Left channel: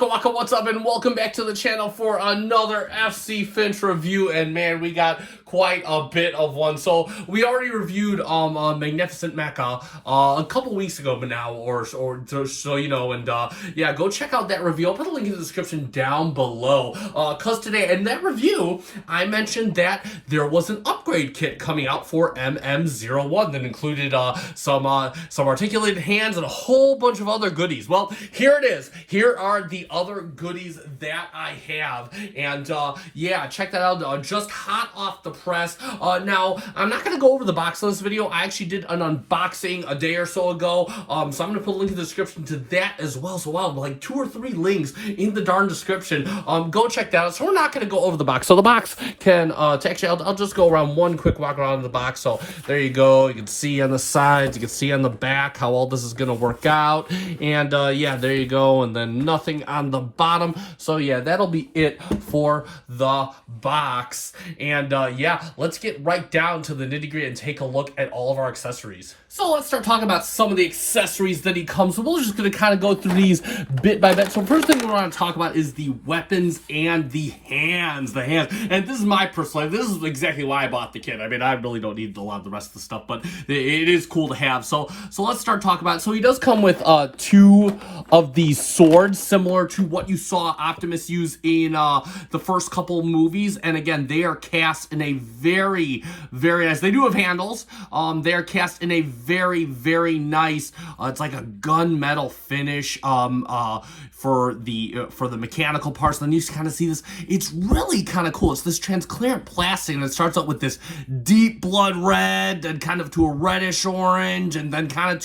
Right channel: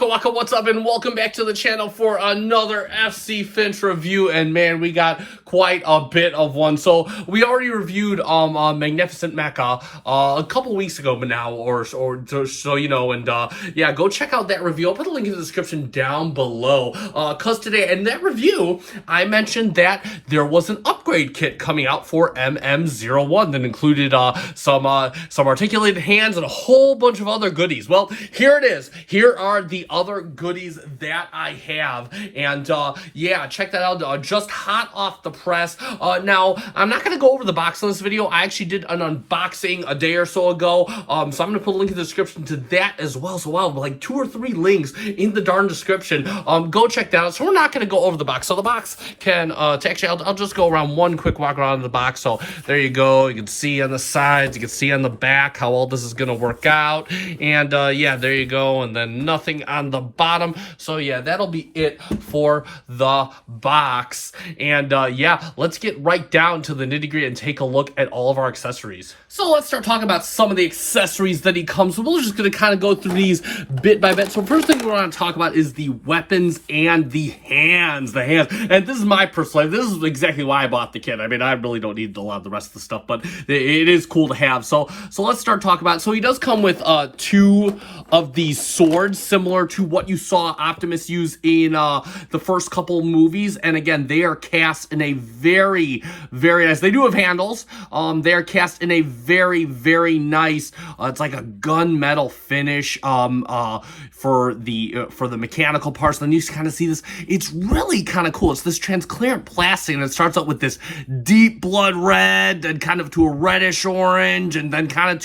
Waka, what's up, and welcome back to the channel for another FC Finch review. And man, we got quite a bit of one. So we already reviewed Magnificent Mecha a couple weeks ago, but now, or so you know, and yeah, go check out that review. I'll put a link in the description down below. Cause today in that review, I mentioned that there was an upgrade kit coming out for MM01 that included some articulated hands and a whole bunch of other goodies. Well, here it is. Here are the other goodies that I have, and yeah, check that out. Just hot off the press. Now, I'm not gonna go over the box in this video. I actually did an unboxing a day or so ago, so I'm gonna put a link in the description to that as well. So wow, like 2 or 3 links in the darn description. Go check that out. So we're not gonna go over the box. So the box can actually, I'll just go around one quick walk around the box. So there you go. You can see on the sides, you can see on the back how all this is gonna work out, and yeah, there you go. And then nothing on the bottom. So yeah, that'll be it for the box. And yeah, let's get right down to the nitty-gritty and take a look at all of our accessories. So let's start talking about some of the accessories that he comes with. We're just going to kind of go through these bit by bit. So first thing we want to talk about is the weapons and the hands. And this is my personal, this is exactly why I bought the kit. I mean, I really don't need a lot of the rest of the stuff, but it is cool to have. So let's start talking about it. So he does come with 2 of these swords, similar to what you saw Optimus use in the first couple movies. And again, they are cast in a very, very nice, they do have handles. They are cast in a very, very nice, it's like a gunmetal finish for the mechanical parts. Then you kind of see this, it's really kind of cool. It's this transparent plastic, and it starts out with this deep blood red, and kind of to a reddish orange, and then kind of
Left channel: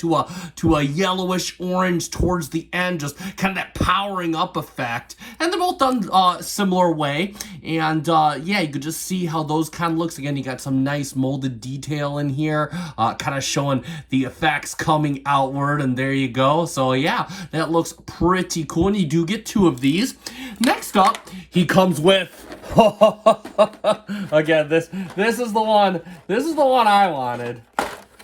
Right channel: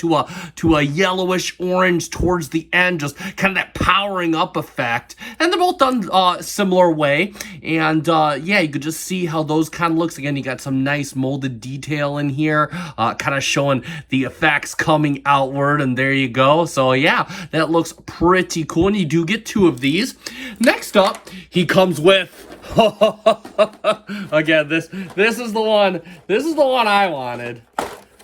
to a yellowish orange towards the end, just kind of that powering up effect. And they're both done similar way. And yeah, you could just see how those kind of looks. Again, you got some nice molded detail in here, kind of showing the effects coming outward, and there you go. So yeah, that looks pretty cool, and you do get 2 of these. Next up, he comes with again, this is the one I wanted.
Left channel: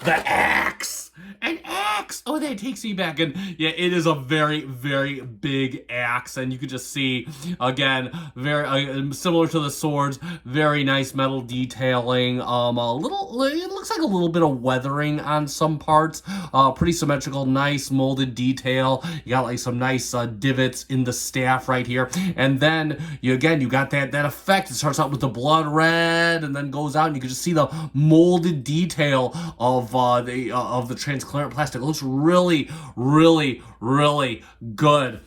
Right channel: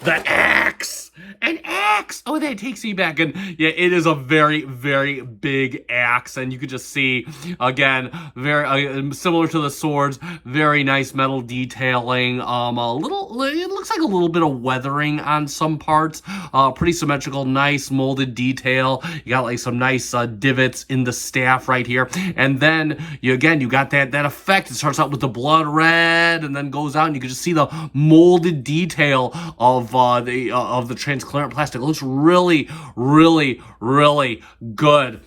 The axe! An axe! Oh, that takes me back. And yeah, it is a very, very big axe. And you can just see, again, very similar to the swords, very nice metal detailing. It looks like a little bit of weathering on some parts. Pretty symmetrical, nice molded detail. You got like some nice divots in the staff right here. And then, you got that effect. It starts out with the blood red and then goes out, and you can just see the molded detail of the transparent plastic. It looks really, really, really good.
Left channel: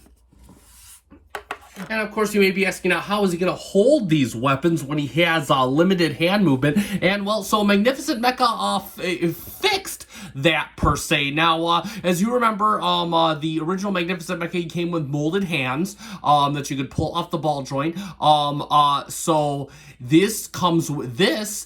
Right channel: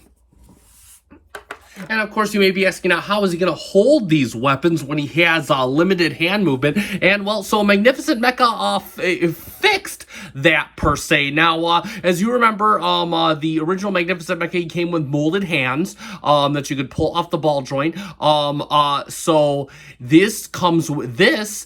And of course, you may be asking now, how is he going to hold these weapons when he has limited hand movement? And well, so Magnificent Mecha fixed that per se. Now, as you remember, the original Magnificent Mecha came with molded hands that you could pull off the ball joint. So this comes with, this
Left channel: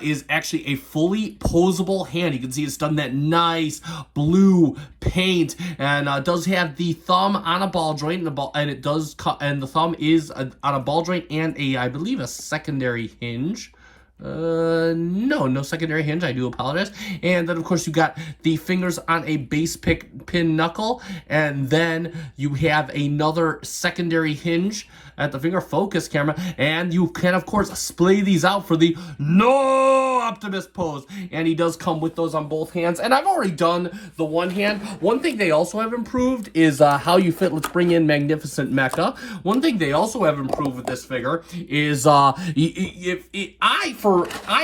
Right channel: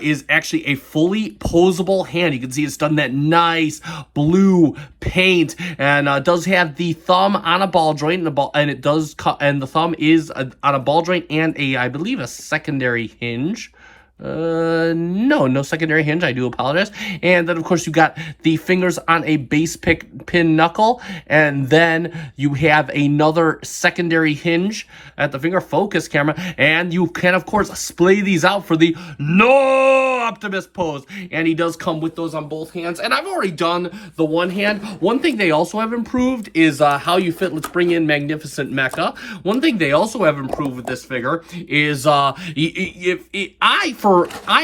is actually a fully posable hand. You can see it's done that nice blue paint, and does have the thumb on a ball joint, and it does cut. And the thumb is on a ball joint and I believe, a secondary hinge. No secondary hinge. I do apologize. And then, of course, you got the fingers on a base pin knuckle, and then you have another secondary hinge at the finger focus camera, and you can, of course, splay these out for the no Optimus pose. And he does come with those on both hands. And I've already done the one hand. One thing they also have improved is how you fit. Let's bring in Magnificent Mecha. One thing they also have improved with this figure is I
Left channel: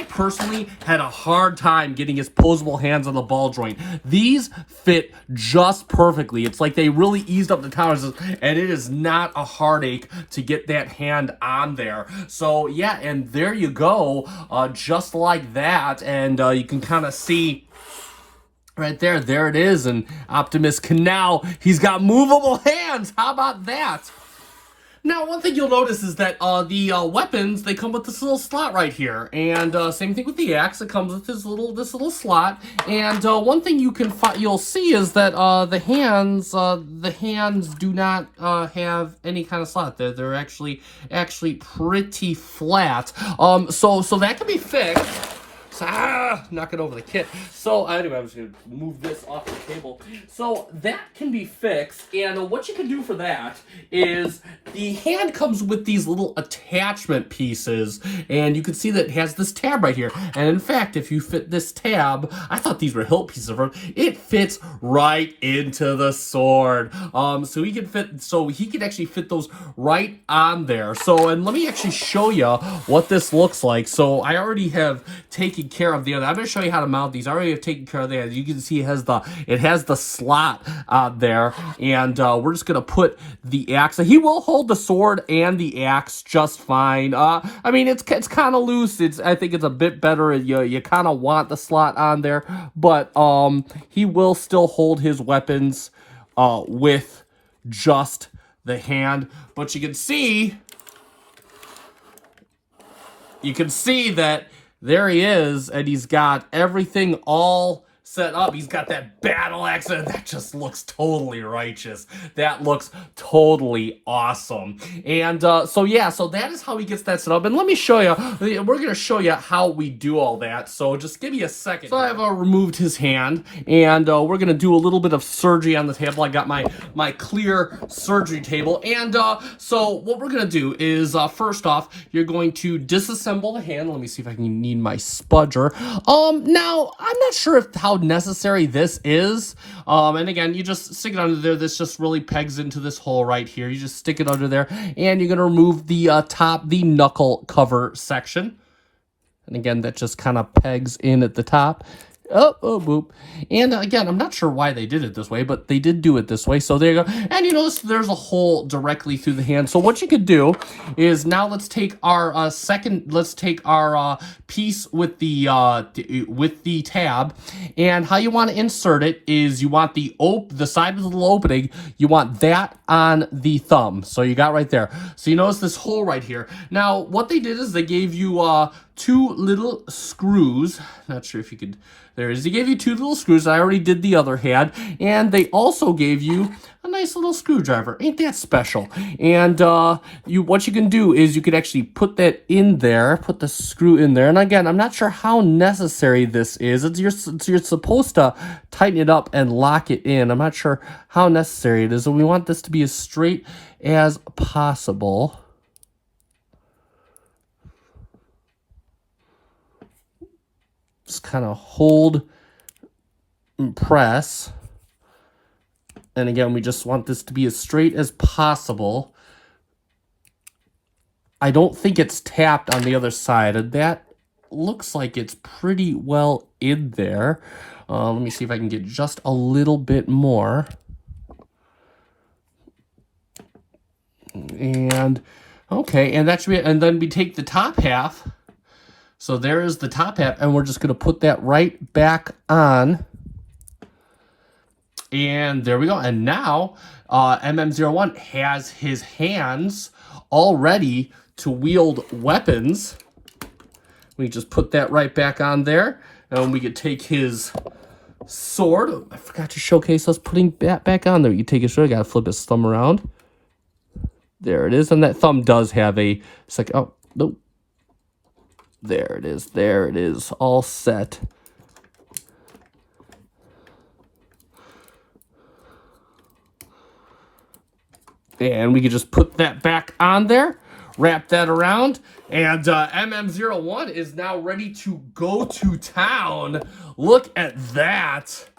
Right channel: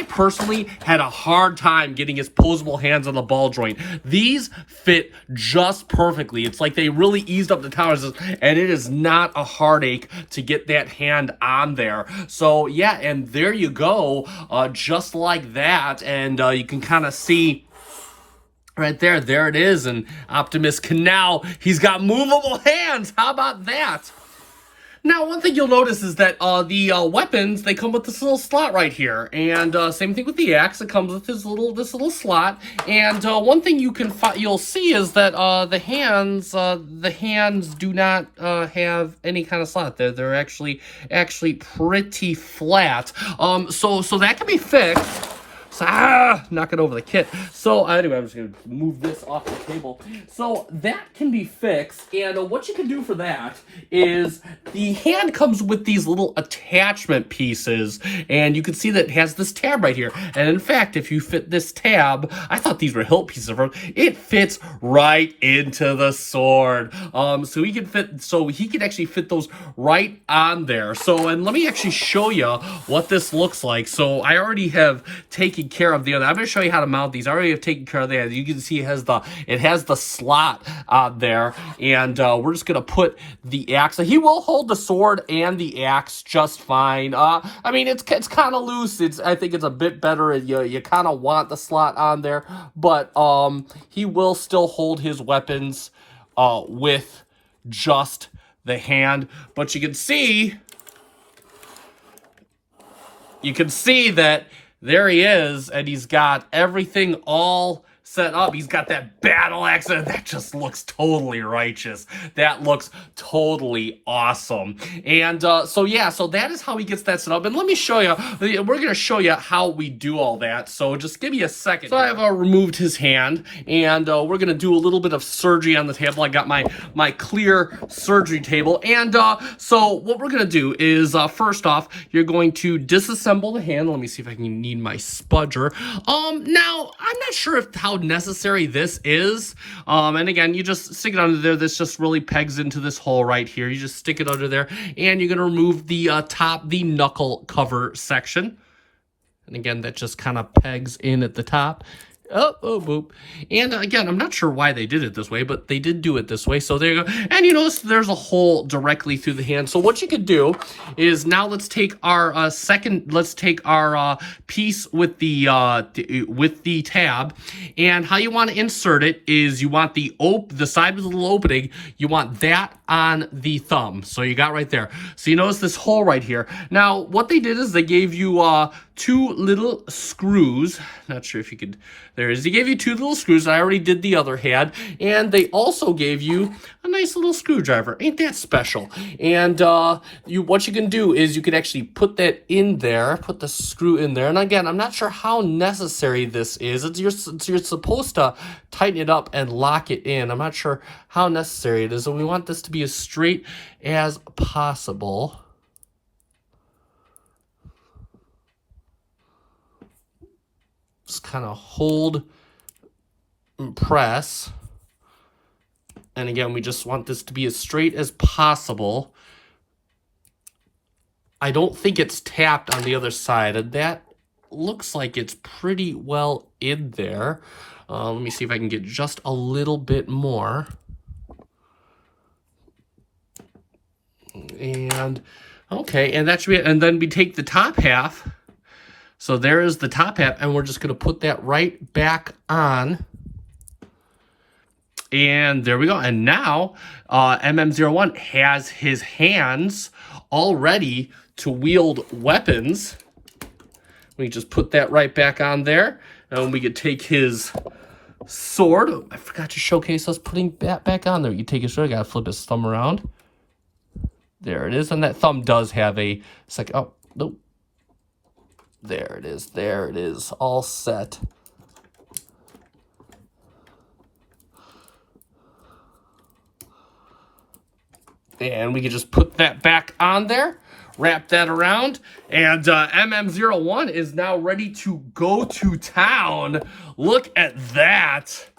personally had a hard time getting his posable hands on the ball joint. These fit just perfectly. It's like they really eased up the tolerance, and it is not a heartache to get that hand on there. So yeah, and there you go, just like that. And you can kind of see right there it is. And Optimus can now, he's got movable hands. How about that? Now, one thing you'll notice is that the weapons, they come with this little slot right here, and same thing with the axe. It comes with this little slot. And one thing you'll see is that the hands do not have any kind of slot. They're actually pretty flat. So that can be fixed. knocking over the kit. So anyway, I'm just gonna move this off the table. So that can be fixed, and what you can do for that is the hand comes with these little attachment pieces, and you can see that it has this tab right here. And in fact, if you fit this tab, I thought these were hilt pieces, it fits right into the sword. So he can actually fit those right on there. So, and let me actually show you what this looks like. So I already have taken care of the other. I'm going to show you how to mount these. I already have taken care of that. You can see it has the slot there, and we're just going to put the axe. He will hold the sword and the axe just fine. I mean, it's kind of loose. I think it's a bit better. You kind of want the slot on there, but he will still hold his weapons with just the hand. But you can see that there he is, and he's got everything all set up. He's got that battle axe, and that just looks totally righteous. That looks totally awesome. And so yeah, so that is how he gets that set up. And let me show you, we're gonna show you how we do all that. So just give me a second. So I've removed his hand, and we're gonna do a little bit of surgery on the table. I got my clear surgery table. And so what we're gonna do is first off, you're going to disassemble the hand. Let me see if I can need my spudger. Now I'm not sure how necessary this is, and again, you just stick it under there. This just really pegs into this hole right here. You just stick it under there, and you're gonna remove the the knuckle cover section, and again, that just kind of pegs in at the top. Oh, boop. And again, I'm not sure why they did it this way, but they did do it this way. So there you go. And you notice there's a hole directly through the hand. So what you could do is now let's take our piece with the tab, and how you want to insert it is you want the side with the little opening, you want that on the thumb. So you got right there. So you notice this hole right here. Now what they did is they gave you two little screws. Not sure if you could, there it is. They gave you two little screws. I already did the other hand. And they also gave you a nice little screwdriver. Ain't that special? And what you can do is you could actually put that in there, put the screw in there. And again, I'm not sure how necessary this is. You're supposed to tighten it up and lock it in. I'm not sure how necessary it is. And we want this to be as straight as possible. Just kind of hold and press. And again, we just want this to be as straight as possible. I don't think it's tapped on the other side, and that looks like it's pretty well in there. Let me see if I can get just a little bit more. And okay, and that should be it. And then we take the top half. So there is the top half, and we're just going to put that right back on. And there we go. And now MM01 has his hands all ready to wield weapons. We just put that right back on there. And we could take his sword. Oh, I forgot to showcase us putting that back on there. You take his sword, got to flip his thumb around. There it is. And that thumb does have a second. Oh, nope. There it is. There it is. All set. And we can just put that back on there, wrap that around, and MM01 is now ready to go to town. Look at that.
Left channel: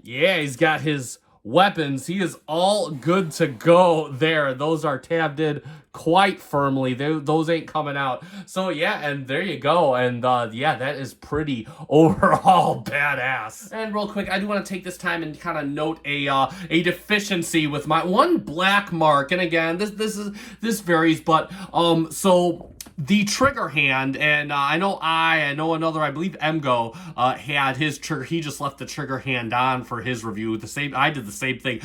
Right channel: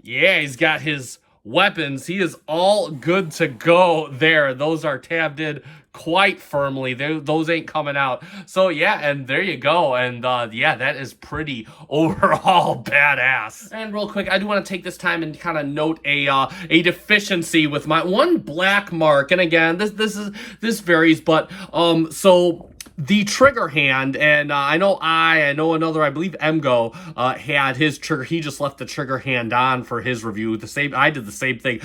Yeah, he's got his weapons. He is all good to go there. Those are tabbed in quite firmly. Those ain't coming out. So yeah, and there you go. And yeah, that is pretty overall badass. And real quick, I do want to take this time and kind of note a deficiency with my one black mark. And again, this varies, but so the trigger hand, and I know another, I believe Emgo had his trigger. He just left the trigger hand on for his review. I did the same thing.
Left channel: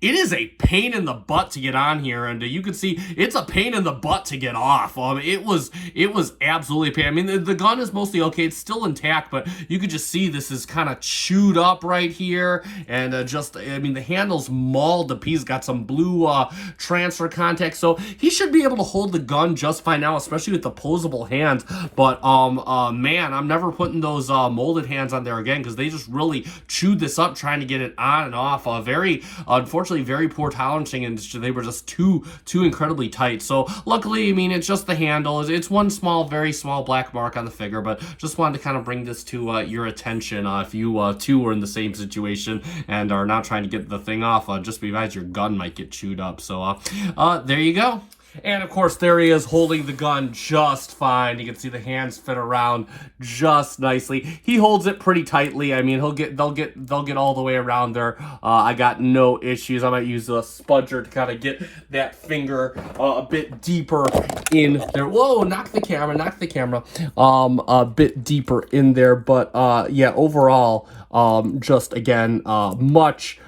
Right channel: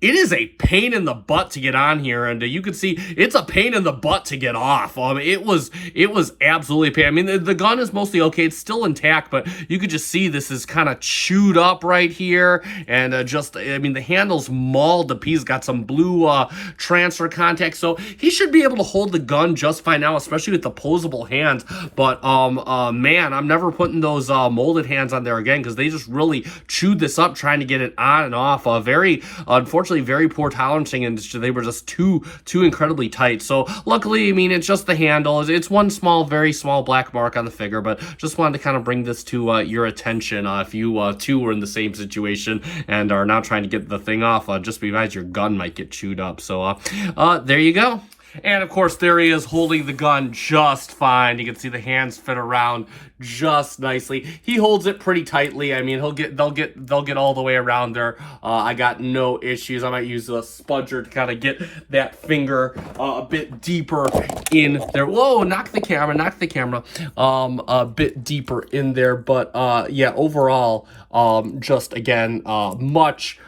It is a pain in the butt to get on here, and you can see it's a pain in the butt to get off. It was absolutely a pain. I mean, the gun is mostly okay. It's still intact, but you could just see this is kind of chewed up right here, and I mean, the handle's mauled to pieces. Got some blue transfer contact, so he should be able to hold the gun just fine now. style, especially with the posable hands. But man, I'm never putting those molded hands on there again, because they just really chewed this up trying to get it on and off. Very, unfortunately, very poor tolerancing, and they were just too incredibly tight. So luckily, I mean, it's just the handle. It's one small, very small black mark on the figure, but just wanted to kind of bring this to your attention if you too were in the same situation and are now trying to get the thing off, just because your gun might get chewed up. So there you go. And of course, there he is holding the gun just fine. You can see the hands fit around just nicely. He holds it pretty tightly. I mean, they'll get all the way around there. I got no issues. I might use a spudger to kind of get that finger a bit deeper in there. Whoa, knock the camera. A bit deeper in there. But yeah, overall, just again, much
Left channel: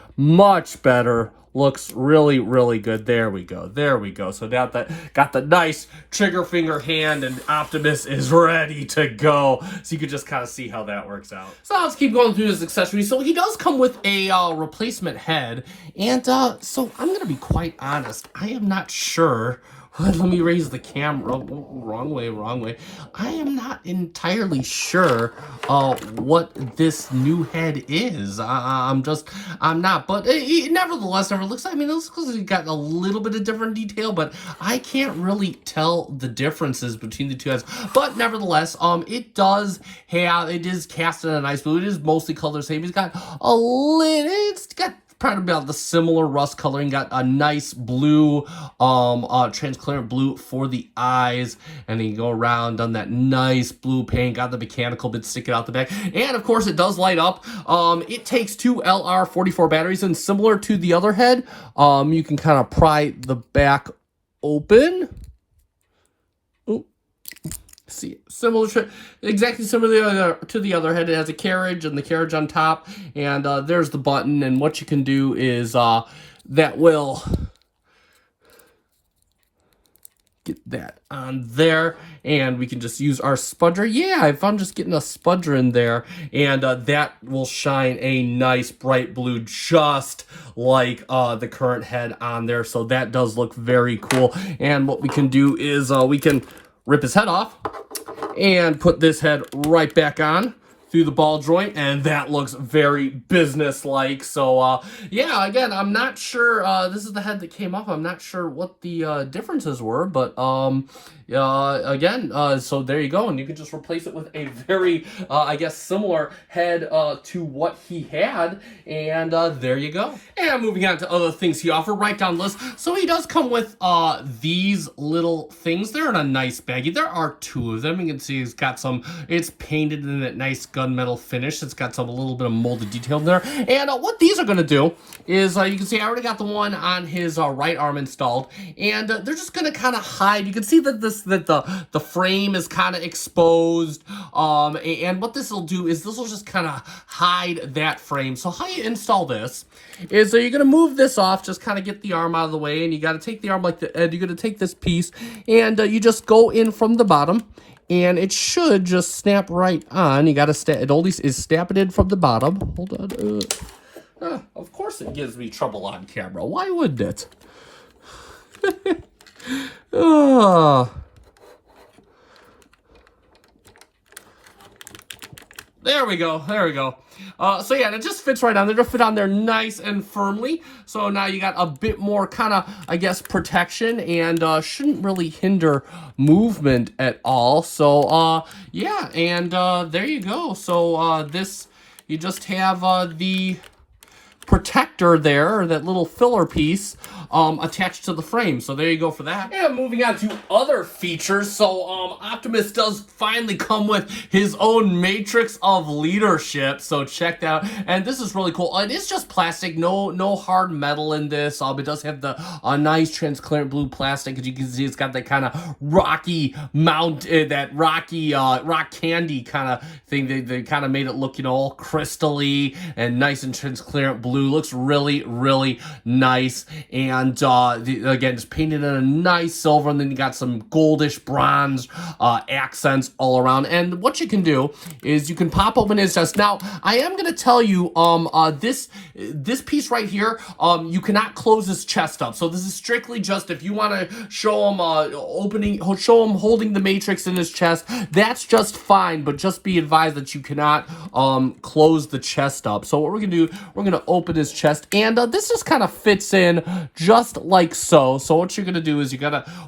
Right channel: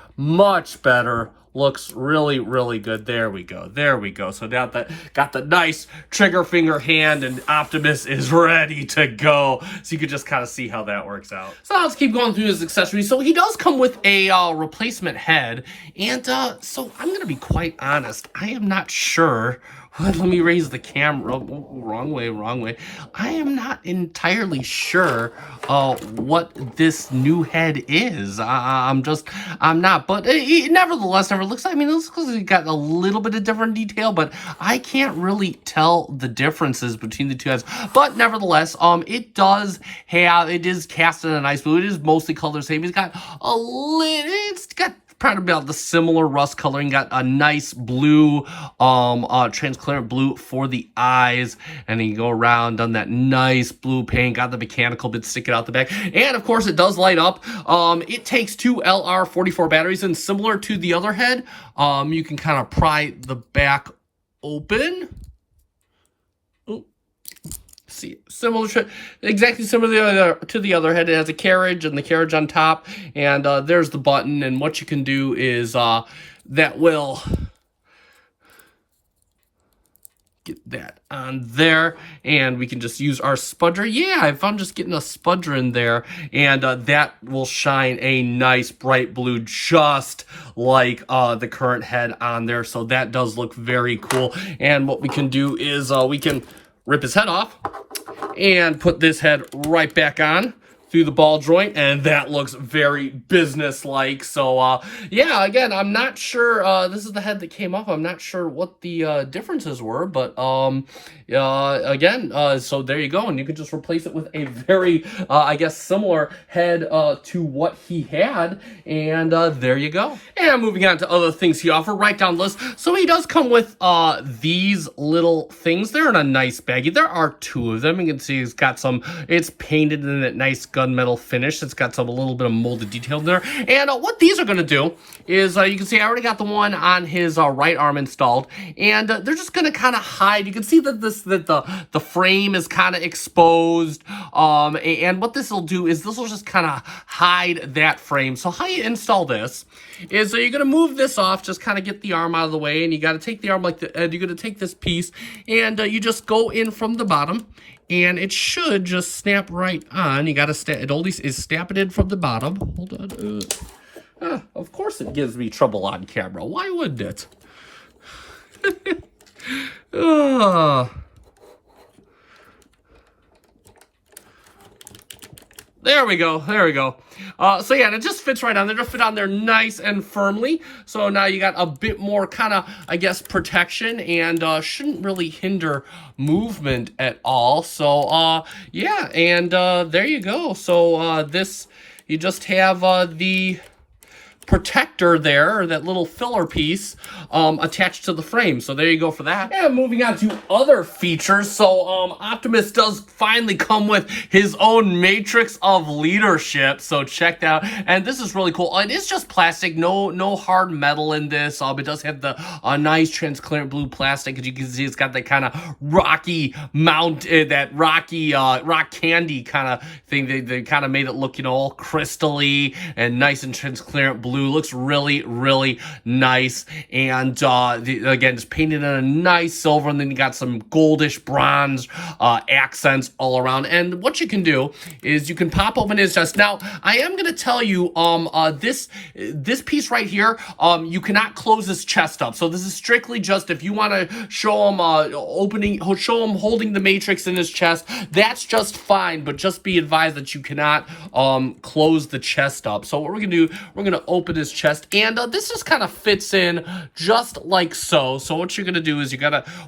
better. Looks really, really good. There we go. So now that got the nice trigger finger hand, and Optimus is ready to go. So you can just kind of see how that works out. So let's keep going through his accessories. So he does come with a replacement head, and so I'm gonna be quite honest. I am not sure. Let me raise the camera. Wrong way. I am not entirely sure what this new head is. I'm not. But nevertheless, looks like, I mean, it looks like it's got a little bit of different detail, but I can't really tell the differences between the two heads. But nevertheless, it is cast in a nice blue. It is mostly color same. It's got probably about the similar rust coloring. Got a nice blue, transparent blue for the eyes, and then you go around, done that nice blue paint, got the mechanical bit sticking out the back, and of course it does light up. It takes 2 LR44 batteries, and similar to the other head, you can kind of pry the back open. See, exactly similar to the other head. It has a carriage and the carriage on top, and there's the button. And what you can do is that will get that on there, and we can just use our spudger. Yeah, if I'm just getting a spudger in there, and that will shine a nice bright blue, just like the current head on there. So that does look very cool. And what we can do is we can rip his head off and put this head right back on through the ball joint, and that looks very business-like. So yeah, again, I'm not sure, this is the head that came off. I'm not sure what the differences were, but again, so there you go, and you can just replace it with a very I guess similar head to what he had, and there you go. And moving on to other things he offered, right down the list. So he does come with these little things. They're in a nice baggie. There are 2 of them. You can see it's painted in that nice gunmetal finish. It's got a little bit of molded detail in there. And what these are going to do is, you can see I already got the one on his right arm installed, and they're just going to kind of hide. You can see that the frame is kind of exposed, and what this will do is this will just kind of hide that frame. So how you install this is, you're going to move this off, just kind of get the arm out of the way, and you got to take the arm like you're going to take this piece, and you just go in from the bottom, and it should just snap right on. You got to it always is snapping in from the bottom. Hold on. Of course it gives me trouble on camera. Why wouldn't it? There we go. So yeah, it just fits right on there. It'll fit on there nice and firmly. So now you got a bit more kind of, I guess, protection, and shouldn't really hinder movement at all. So yeah, and there you go. So this, you just have the protector there, or that little filler piece, attached to the frame. So there you go for that. And moving on to other features. So Optimus does finally come with his own matrix of leadership. So check that out. And this is really cool. It is just plastic, no hard metal in this. It does have the nice transparent blue plastic. As you can see, it's got that kind of rocky mount, that rocky rock candy kind of thing. They kind of made it look, all crystally and nice and transparent blue. blue. Looks really, really nice. And again, just painted in a nice silver, and then you got some goldish bronze accents all around. And what you can do is you can pop open his chest. Now, I am going to tell you, this piece right here, you cannot close his chest up. So this is strictly just if you want to show him show him holding the matrix in his chest. That's just fine, but just be advised that you cannot close the chest up. So what we're gonna do, we're gonna open his chest, and this just kind of fits in just like so. So what you're gonna do is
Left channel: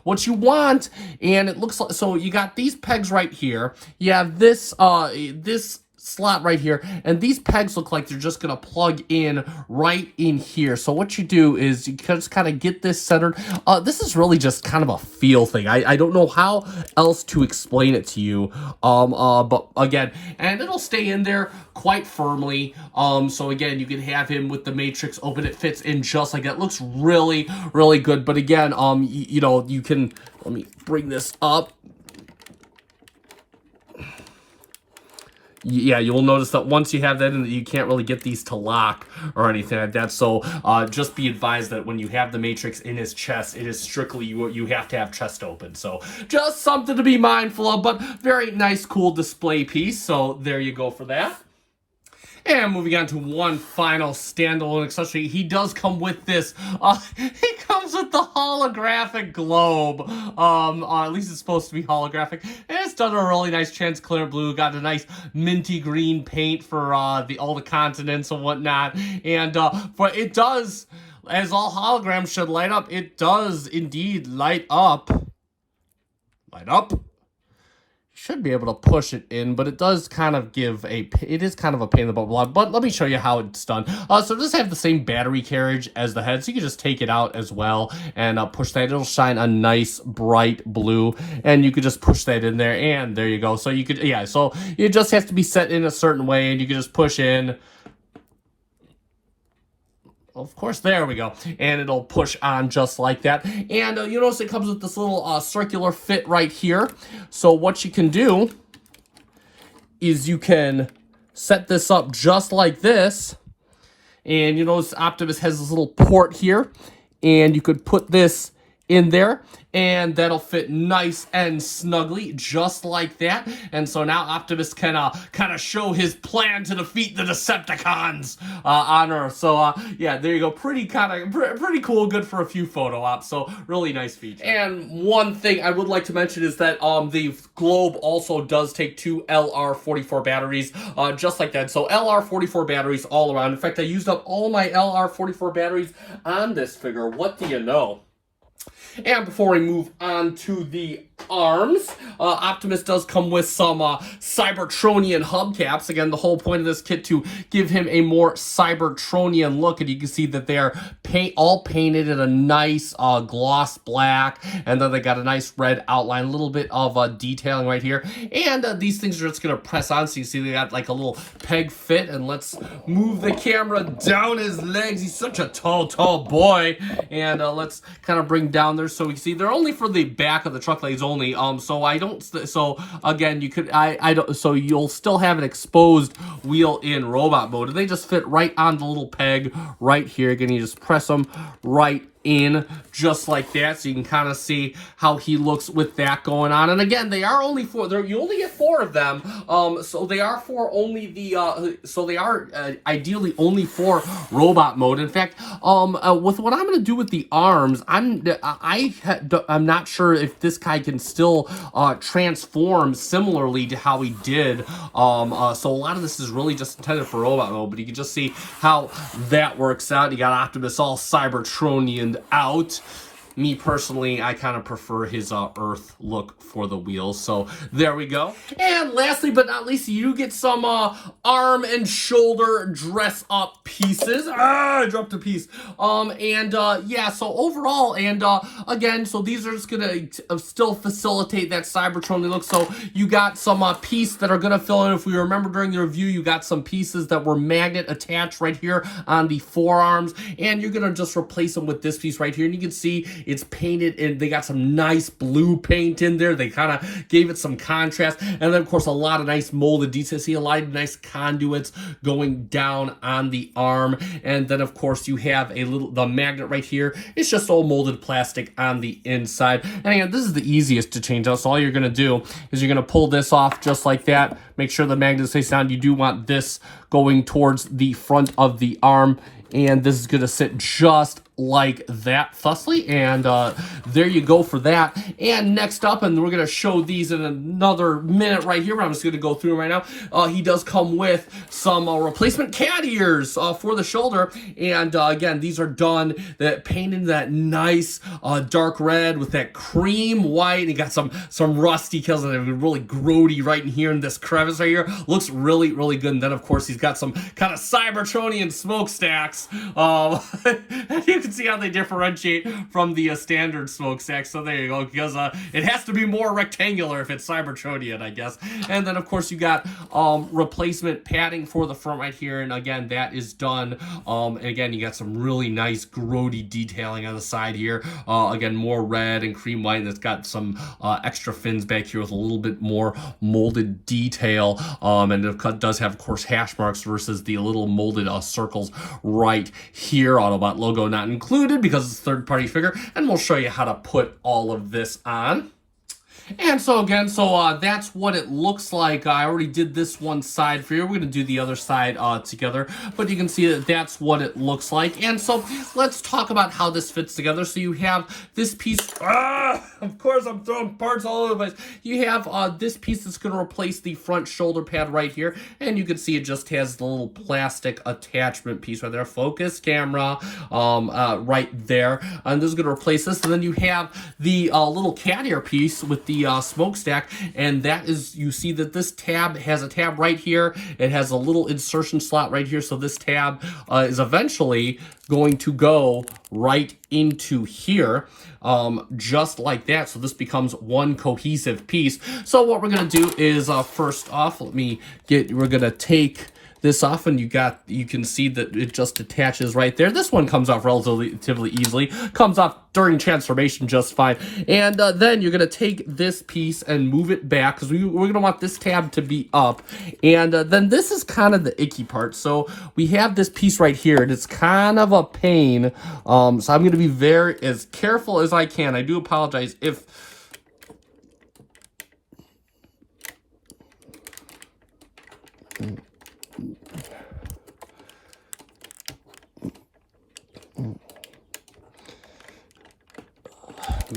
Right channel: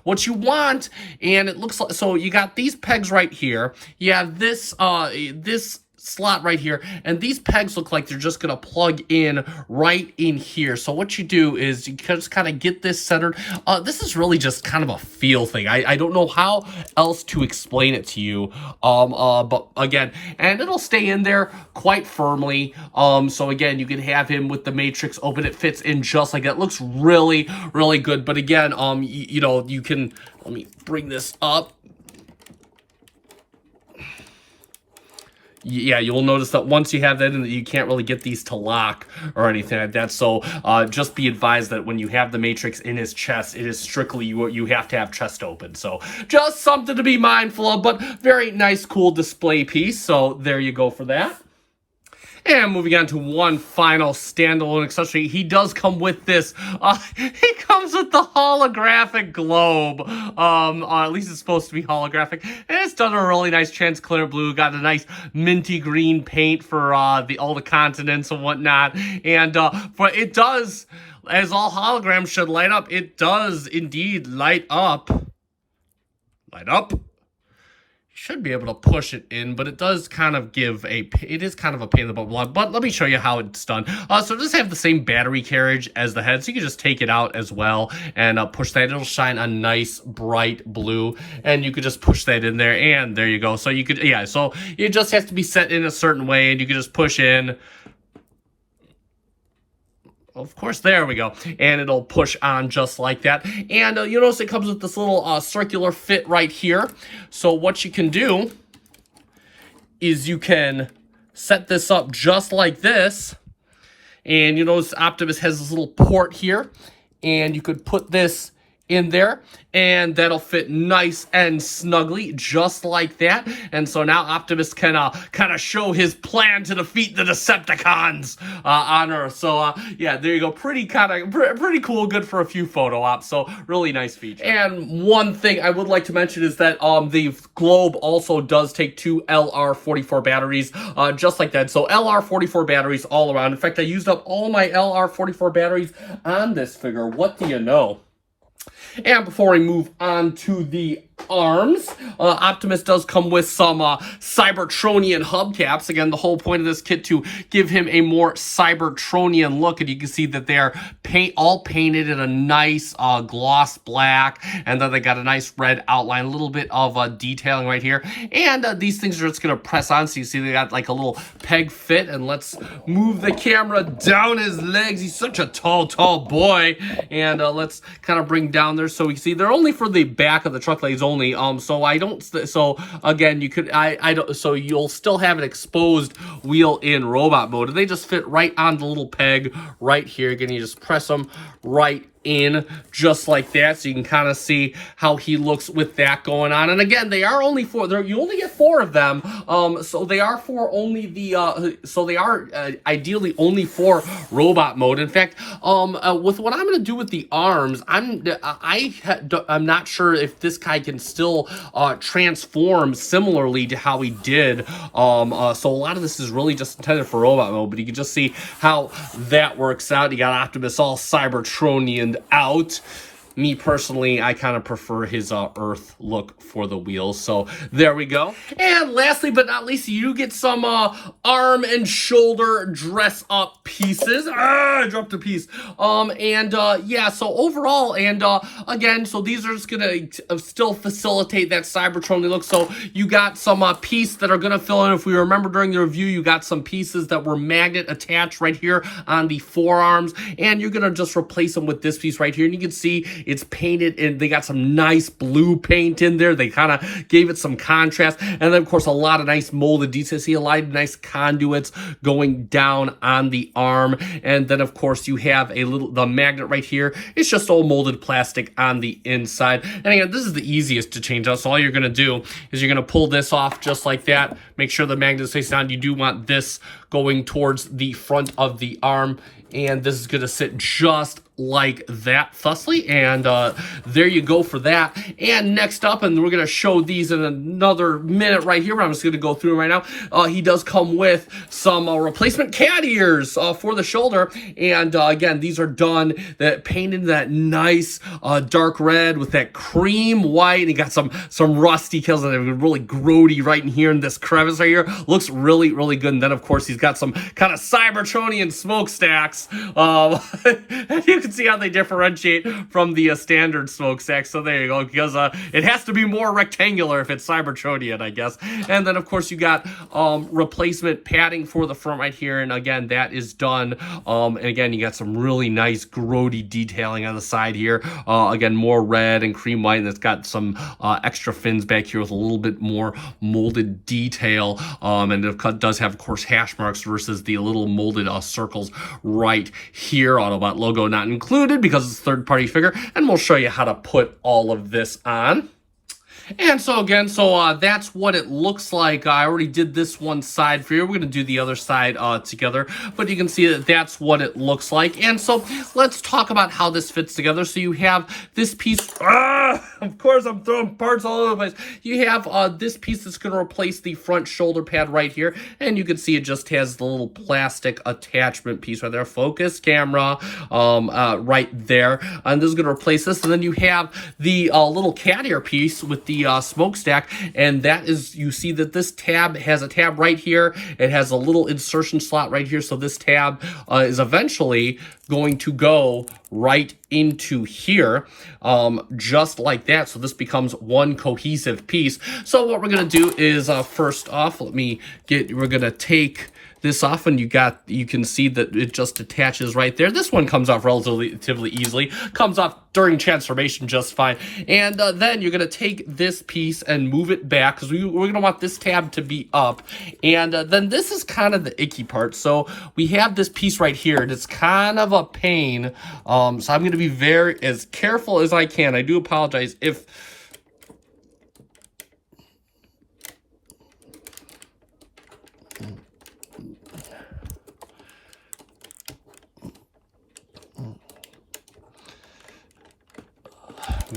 what you want, and it looks like, so you got these pegs right here. You have this this slot right here, and these pegs look like they're just gonna plug in right in here. So what you do is you just kind of get this centered. This is really just kind of a feel thing. I don't know how else to explain it to you, but again, and it'll stay in there quite firmly. So again, you can have him with the matrix open. It fits in just like that. It looks really, really good. But again, you know, you can, let me bring this up. Yeah, you'll notice that once you have that in, you can't really get these to lock or anything like that. So just be advised that when you have the matrix in his chest, it is strictly you have to have chest open. So just something to be mindful of, but very nice, cool display piece. So there you go for that. And moving on to one final standalone accessory, he does come with this. He comes with the holographic globe. At least it's supposed to be holographic. And it's done a really nice transparent blue. Got a nice minty green paint for all the continents and whatnot. And but it does, as all holograms should light up, it does indeed light up. Light up. Should be able to push it in, but it does kind of it is kind of a pain in the butt, but let me show you how it's done. So it does have the same battery carriage as the head, so you can just take it out as well and push that. It'll shine a nice bright blue, and you could just push that in there, and there you go. So you could, yeah, so you just have to be set in a certain way, and you can just push in. Of course, there we go. And it'll push on just like that. And you notice it comes with this little circular fit right here. So what you can do is you can set this up just like this. And you notice Optimus has this little port here. And you could put this in there, and that'll fit nice and snugly just like that. And so now Optimus can kind of show his plan to defeat the Decepticons on Earth. So yeah, there you go. Pretty cool, good for a few photo ops. So really nice feature. And one thing I would like to mention is that the globe also does take two LR44 batteries, just like that. So LR44 batteries all around. In fact, I used up all my LR44 batteries on this figure. What do you know? And before we move on to the arms, Optimus does come with some Cybertronian hubcaps. Again, the whole point of this kit to give him a more Cybertronian look, and you can see that they're all painted in a nice gloss black, and then they got a nice red outline, a little bit of detailing right here. And these things are just going to press on, so you see they got like a little peg fit. And let's move the camera down his legs. He's such a tall boy. And let's kind of bring down there so we can see they're only for the back of the truck legs only. So I don't, so again, you could, I don't, so you'll still have an exposed wheel in robot mode. They just fit right on the little peg right here. Again, you just press them right in just like that, so you can kind of see how he looks with that going on. And again, they are only four. You only get 4 of them, so they are for only the so they are ideally only for robot mode. In fact, with what I'm going to do with the arms, I'm not sure if this guy can still transform similarly to how he did. So a lot of this is really just intended for robot mode, but you can just see how that works out. You got Optimus all Cybertronian out. Me personally, I kind of prefer his Earth look for the wheels. So there we go. And lastly but not least, you get some arm and shoulder dress up pieces. I dropped a piece. Yeah, so overall, and again, so these are just gonna still facilitate that Cybertronian look. So you got some pieces that are gonna fill in. If we remember during the review, you got some pieces that were magnet attached right here on the forearms, and you're gonna just replace them with this piece right here. And you can see It's painted, and they got some nice blue paint in there. They kind of gave it some contrast. And then, of course, a lot of nice molded details. See a lot of nice conduits going down on the arm. And then, of course, you have the magnet right here. It's just all molded plastic on the inside. And again, this is the easiest to change out. So all you're going to do is you're going to pull this off just like that. Make sure the magnet stays down. You do want this going towards the front of the arm, and this is going to sit just like that, thusly, and there you go for that. And next up, and we're going to show these in another minute right here, but I'm just going to go through them right now. He does come with some replacement cat ears for the shoulder, and again, these are done, painted that nice dark red with that cream white, and he got some rusty kills that are really grody right in here in this crevice right here. Looks really, really good. And then, of course, he's got some kind of Cybertronian smokestacks. You can see how they differentiate from the standard smokestack. So there you go, because it has to be more rectangular if it's Cybertronian, I guess. And then, of course, you got replacement padding for the front right here, and again, that is done. And again, you got some really nice grody detailing on the side here. Again, more red and cream white, and it's got some extra fins back here with a little bit more molded detail. And it does have, of course, hash marks versus the little molded circles right here. Autobot logo not included because it's a third-party figure, and we'll show you how to put all of this on. And so again, that's what it looks like. I already did this one side for you. We're going to do the other side together, but you can see that that's what it looks like. And so let's talk about how this fits together. So you have this piece. Of course, I'm throwing parts all over the place. You have this piece that's going to replace the front shoulder pad right here, and you can see it just has the little plastic attachment piece right there. Focus camera right there, and this is going to replace this. And then you have the little cat ear piece with the smokestack, and that is, you see that this tab has a tab right here. It has a little insertion slot right here, so this tab is eventually going to go right into here, just like that. So this becomes one cohesive piece. So what we're gonna do is first off, we're gonna take this off, and you can see that it just attaches right there. This one comes off relatively easily, comes off during transformation just fine. And then you're gonna take this piece and move it back, because we're gonna want this tab to be up. And then this is kind of the icky part. So we have this piece right here, and it's kind of a pain. So I'm gonna be as careful as I can. I do apologize if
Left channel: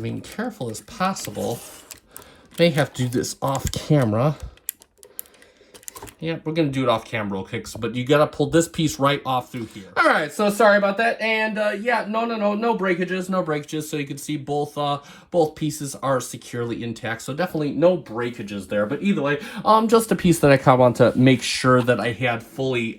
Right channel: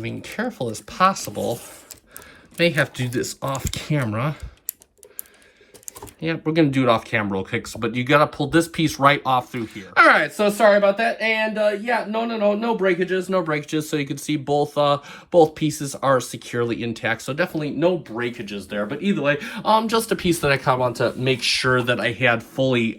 being careful as possible. May have to do this off camera. Yeah, we're going to do it off camera real quick, but you got to pull this piece right off through here. All right, so sorry about that. And yeah, no breakages. So you can see both pieces are securely intact. So definitely no breakages there. But either way, just a piece that I kind of want to make sure that I had fully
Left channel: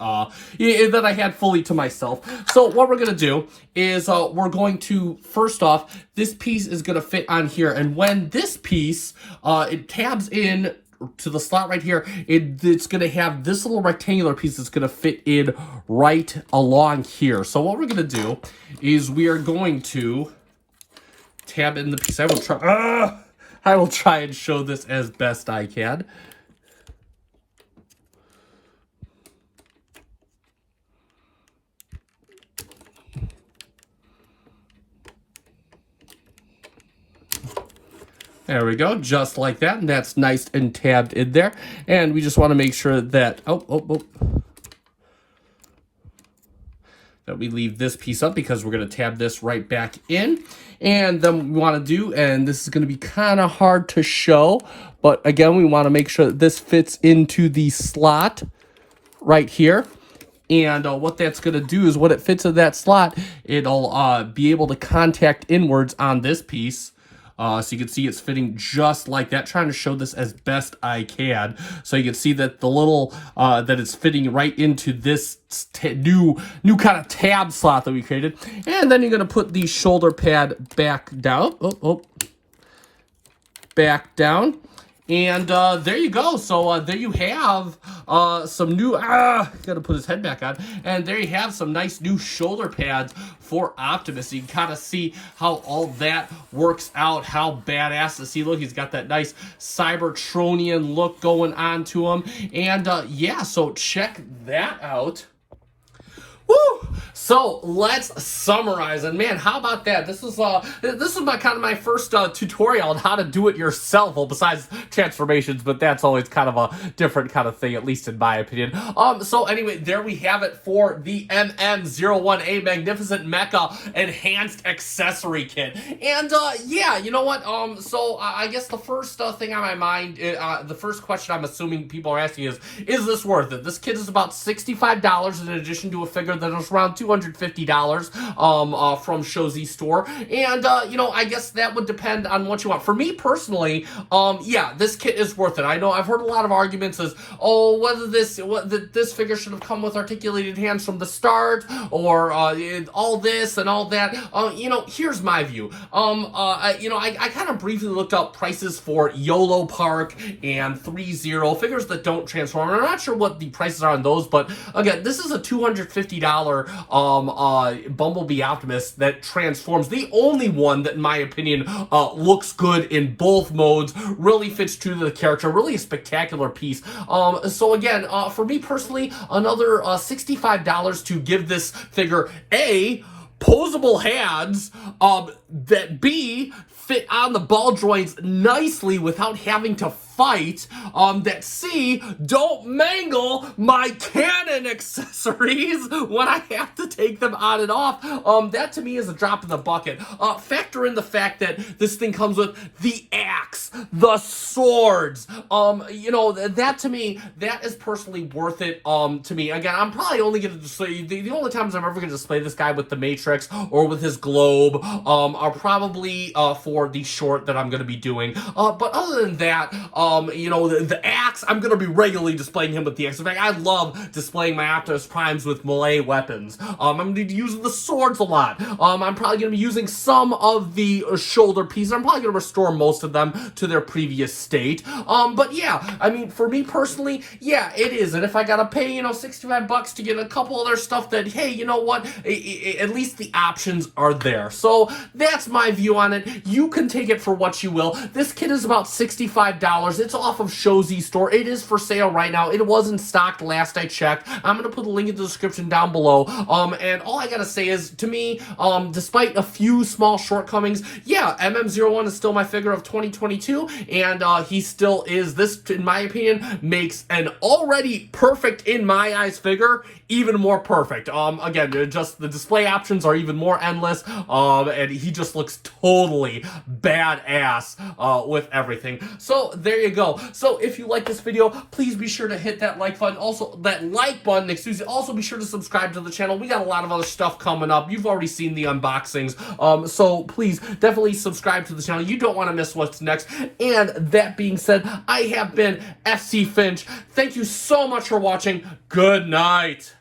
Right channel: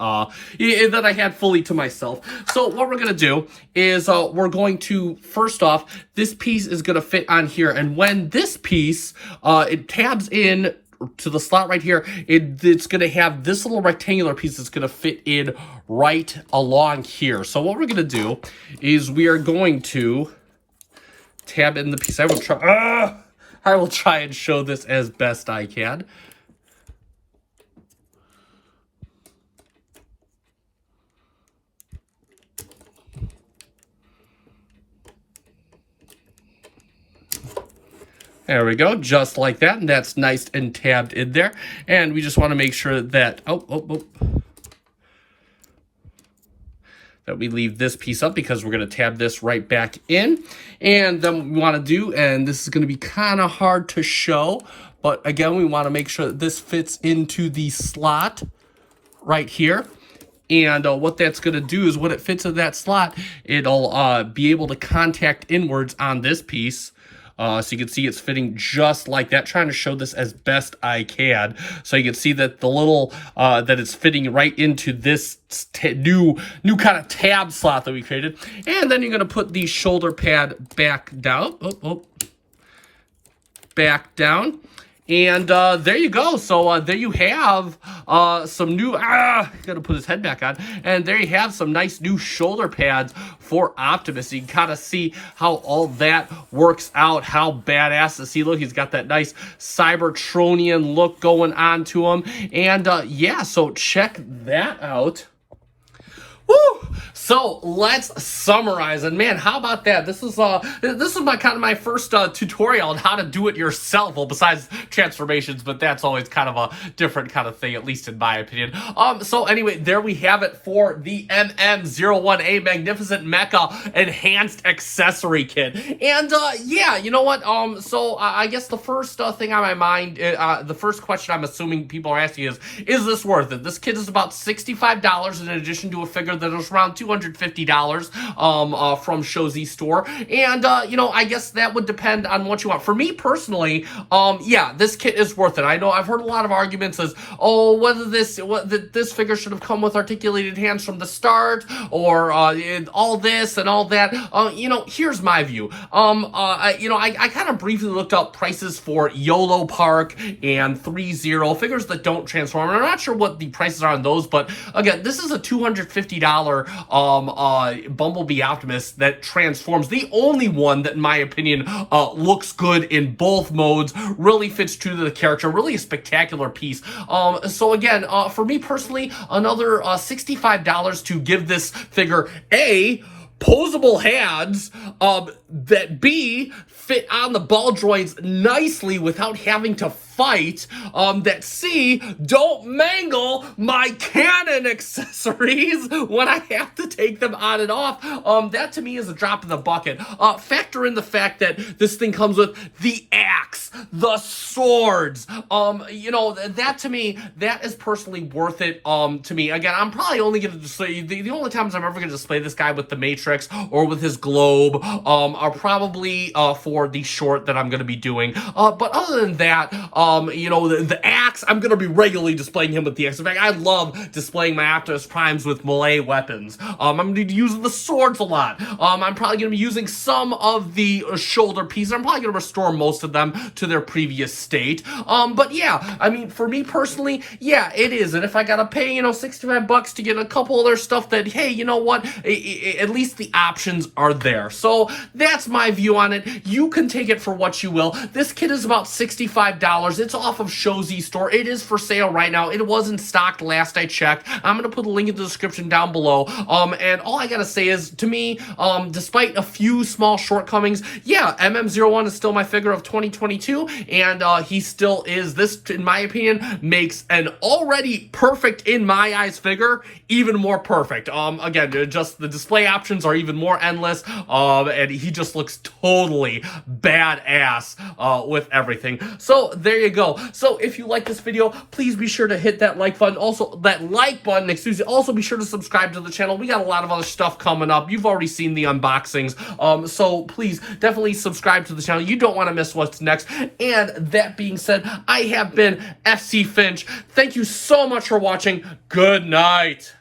to myself. So what we're going to do is we're going to, first off, this piece is going to fit on here. And when this piece, it tabs in to the slot right here, it's going to have this little rectangular piece that's going to fit in right along here. So what we're going to do is we are going to tab in the piece. I will try and show this as best I can. There we go, just like that, and that's nice and tabbed in there. And we just want to make sure that, that we leave this piece up, because we're going to tab this right back in. And then we want to do, and this is going to be kind of hard to show, but again, we want to make sure that this fits into the slot right here. And what that's going to do is, when it fits in that slot, it'll be able to contact inwards on this piece. So you can see it's fitting just like that. Trying to show this as best I can. So you can see that the little, that it's fitting right into this new kind of tab slot that we created. And then you're going to put the shoulder pad back down. Back down. And there you go. So there you have some new, gotta put his head back on. And there you have some nice new shoulder pads for Optimus. You can kind of see how all that works out, how badass does he look. He's got that nice Cybertronian look going on to him. And yeah, so check that out. Woo! So let's summarize, and man, how about that? This is my kind of my first tutorial on how to do it yourself. Well, besides transformations, but that's always kind of a different kind of thing, at least in my opinion. So anyway, there we have it for the MM01A Magnificent Mecha Enhanced Accessory Kit. And yeah, you know what? So I guess the first thing on my mind, the first question I'm assuming people are asking is this worth it? This kit is about $65 in addition to a figure that was around $250 from Shozi store, and you know, I guess that would depend on what you want. For me personally, yeah, this kit is worth it. I know I've heard a lot of arguments as, oh, whether this figure should have come with articulated hands from the start, or all this and all that. You know, here's my view. You know, I kind of briefly looked up prices for YOLO Park and 3-0 figures that don't transform. I'm not sure what the prices are on those, but again, this is a $250 Bumblebee Optimus that transforms. The only one that, in my opinion, looks good in both modes, really fits true to the character, really a spectacular piece. So again, for me personally, another $65 to give this figure A, posable hands, that B, fit on the ball joints nicely without having to fight, that C, don't mangle my cannon accessories when I have to take them on and off. That to me is a drop in the bucket. Factor in the fact that this thing comes with the axe, the swords, you know, that to me, that is personally worth it, to me. Again, I'm probably only going to display, the only times I'm ever going to display this guy with the Matrix or with his globe, are probably, for the short that I'm going to be doing. But other than that, you know, the axe, I'm going to be regularly displaying him with the axe. In fact, I love displaying my Optimus Primes with melee weapons. I'm going to be using the swords a lot. I'm probably going to be using some of the shoulder pieces. I'm probably going to restore most of them to their previous state. But yeah, I mean, for me personally, yeah, it is. And if I got to pay, you know, $65 to get a couple other stuff that, hey, you know what, at least the options are there. So that's my view on it. You can take it for what you will. This kit is about $65. It's off of Shozi store. It is for sale right now. It wasn't stocked last I checked. I'm going to put a link in the description down below. And all I got to say is, to me, despite a few small shortcomings, yeah, MM01 is still my figure of 2022, and he still is. This, in my opinion, makes an already perfect, in my eyes, figure even more perfect. Again, just the display options are even more endless, and he just looks totally badass with everything. So there you go. So if you like this video, please be sure to hit that like button. Also, that like button, excuse me. Also be sure to subscribe to the channel. We got a lot of other stuff coming up. You've already seen the unboxings. So please definitely subscribe to the channel. You don't want to miss what's next. And that being said, I have been FC Finch. Thank you so much for watching. Good night.